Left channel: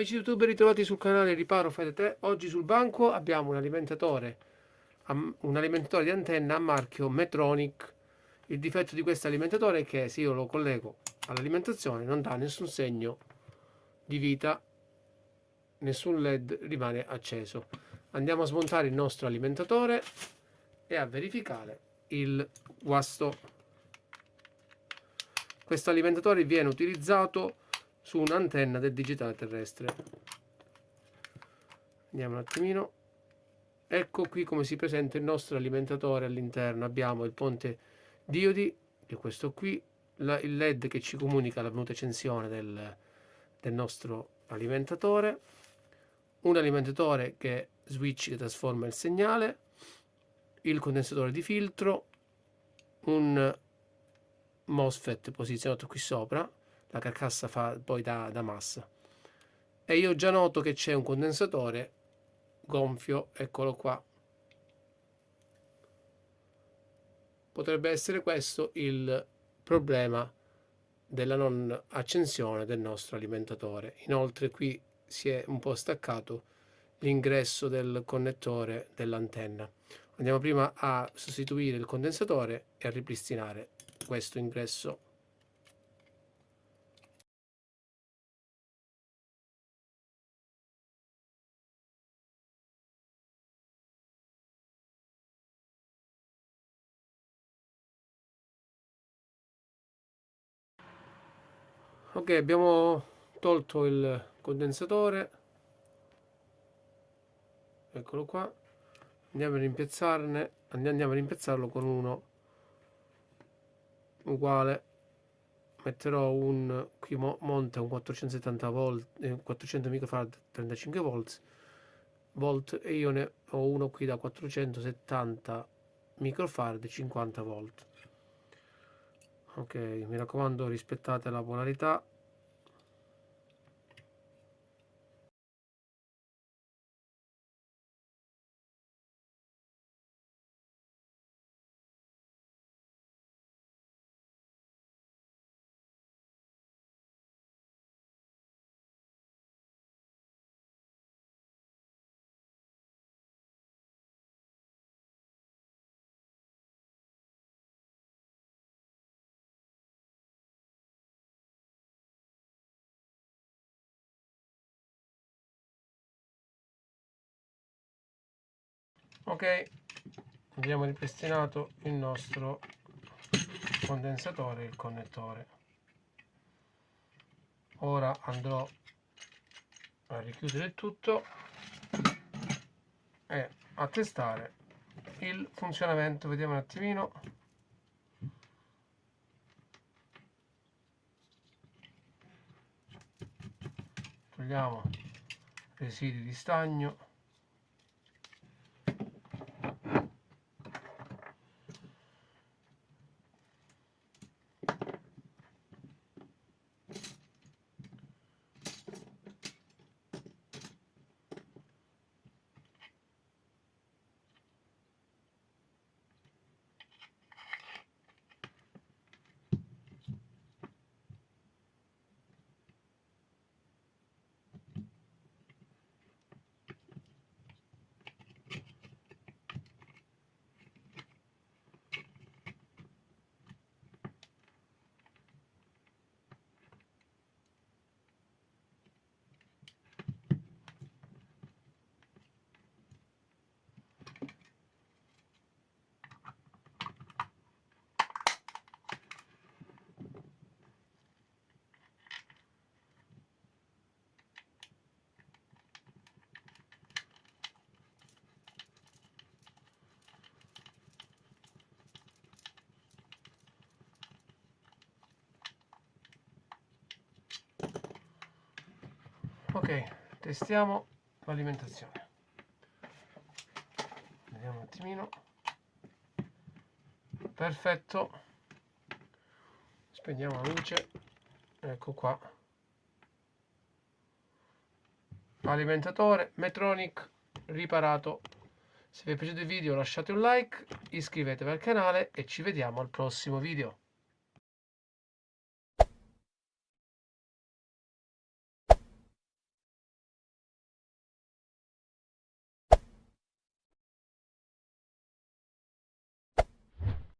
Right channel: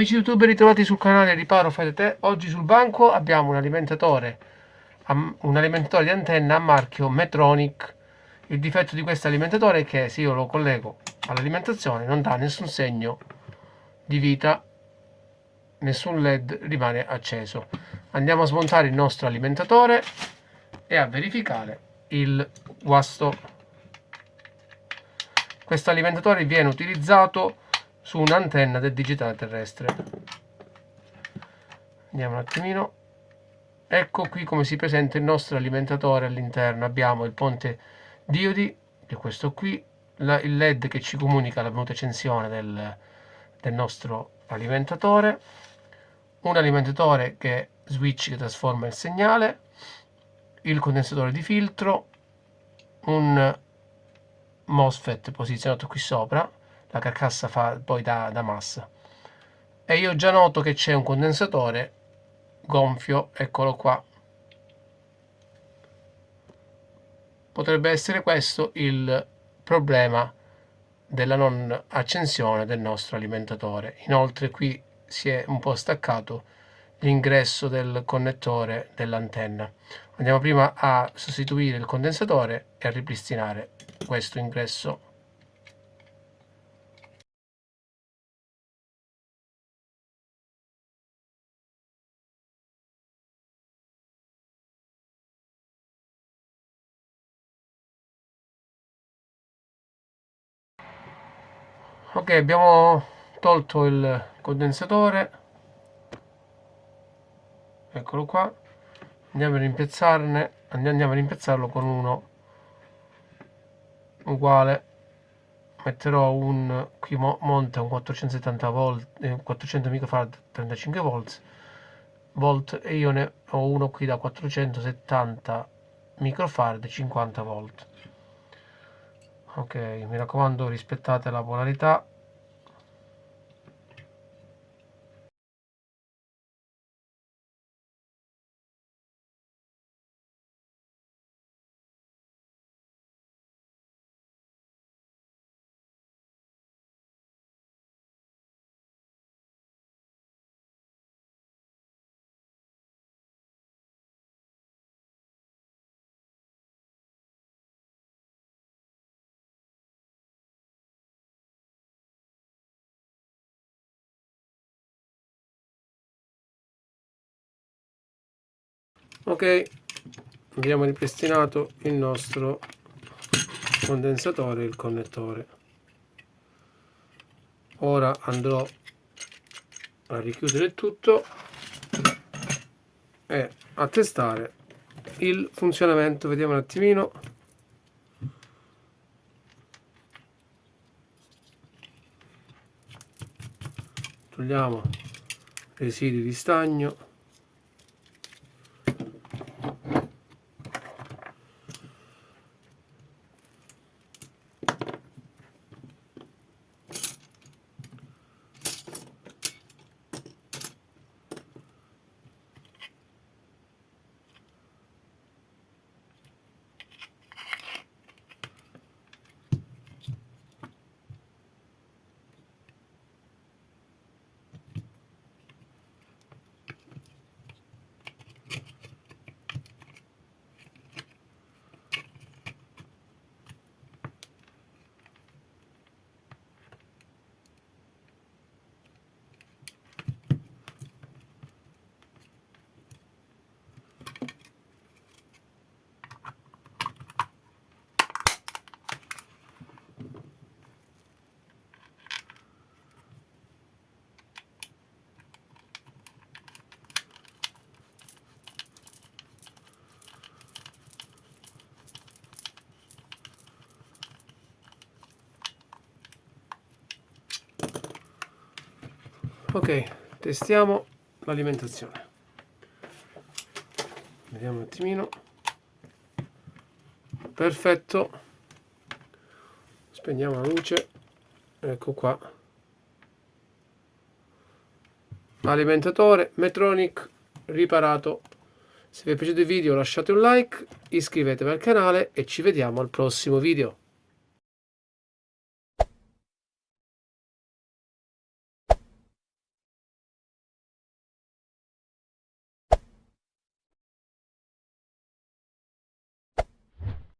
Amici youtuber, ritrovati sul canale Riparo Fai da Te. Oggi sul banco abbiamo un alimentatore di antenna a marchio Metronic. Il difetto di questo alimentatore è che se io lo collego all'alimentazione non dà nessun segno di vita, nessun LED rimane acceso. Andiamo a smontare il nostro alimentatore e a verificare il guasto. Questo alimentatore viene utilizzato su un'antenna del digitale terrestre. Andiamo un attimino. Ecco qui come si presenta il nostro alimentatore. All'interno abbiamo il ponte diodi, che è questo qui, il LED che ci comunica la venuta accensione del nostro alimentatore, un alimentatore che switch che trasforma il segnale, il condensatore di filtro, un MOSFET posizionato qui sopra, la carcassa fa poi da massa, e io già noto che c'è un condensatore gonfio, eccolo qua. Potrebbe essere questo il problema della non accensione del nostro alimentatore. Inoltre qui si è un po' staccato l'ingresso del connettore dell'antenna. Andiamo prima a sostituire il condensatore e a ripristinare questo ingresso. Ok, abbiamo tolto il condensatore, eccolo qua. Andiamo a rimpiazzarlo con uno uguale. Metterò qui monta un 470 volt, 400 microfarad, 35 volt, e io ne ho uno qui da 470 microfarad, 50 volt. Ok, mi raccomando, rispettate la polarità. Ok, abbiamo ripristinato il nostro condensatore e il connettore. Ora andrò a richiudere il tutto e a testare il funzionamento. Vediamo un attimino. Togliamo residui di stagno. Ok, testiamo l'alimentazione. Vediamo un attimino. Perfetto. Spegniamo la luce. Ecco qua. Alimentatore Metronic riparato. Se vi è piaciuto il video lasciate un like, iscrivetevi al canale e ci vediamo al prossimo video.